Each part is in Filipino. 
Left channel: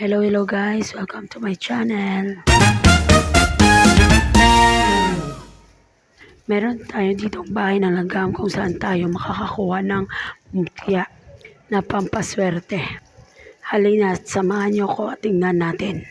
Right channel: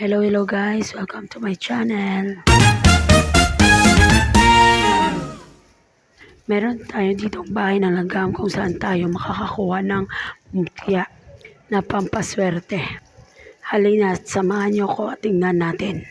Hello guys, welcome to my channel. Meron tayo ditong bahay ng langgam kung saan tayo makakakuha ng mutya na pampaswerte. Halina at samahan niyo ko at tingnan natin.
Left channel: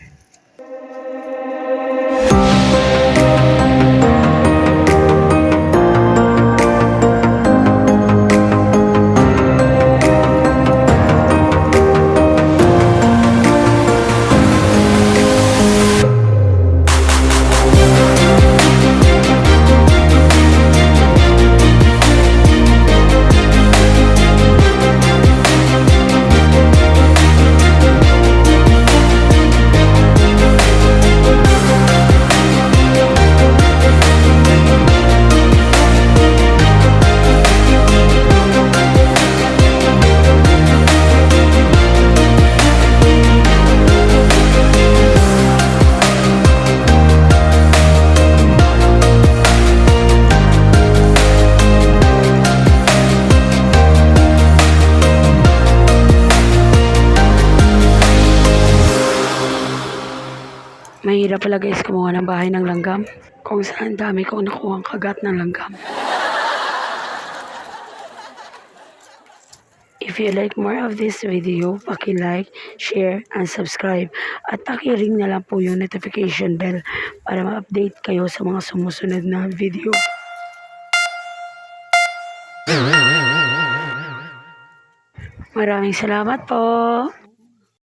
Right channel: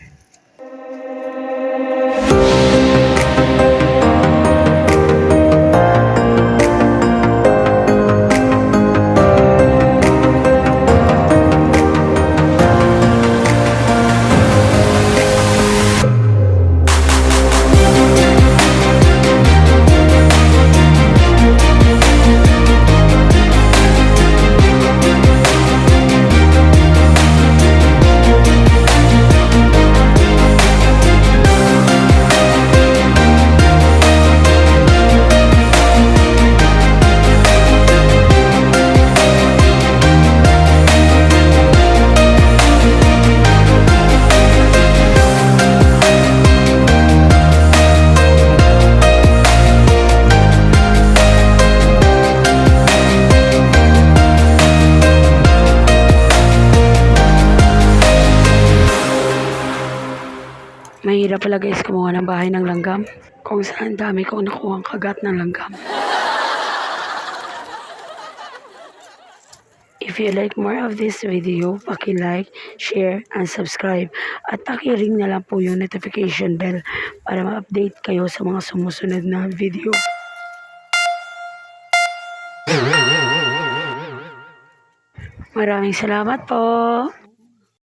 Mahirap pala guys kumuha ng bahay ng langgam kung saan dami kong nakuhang kagat ng langgam. If you like more of this video, paki-like, share, and subscribe. At paki-ring na lang po yung notification bell para ma-update kayo sa mga sumusunod na video. Maraming salamat po!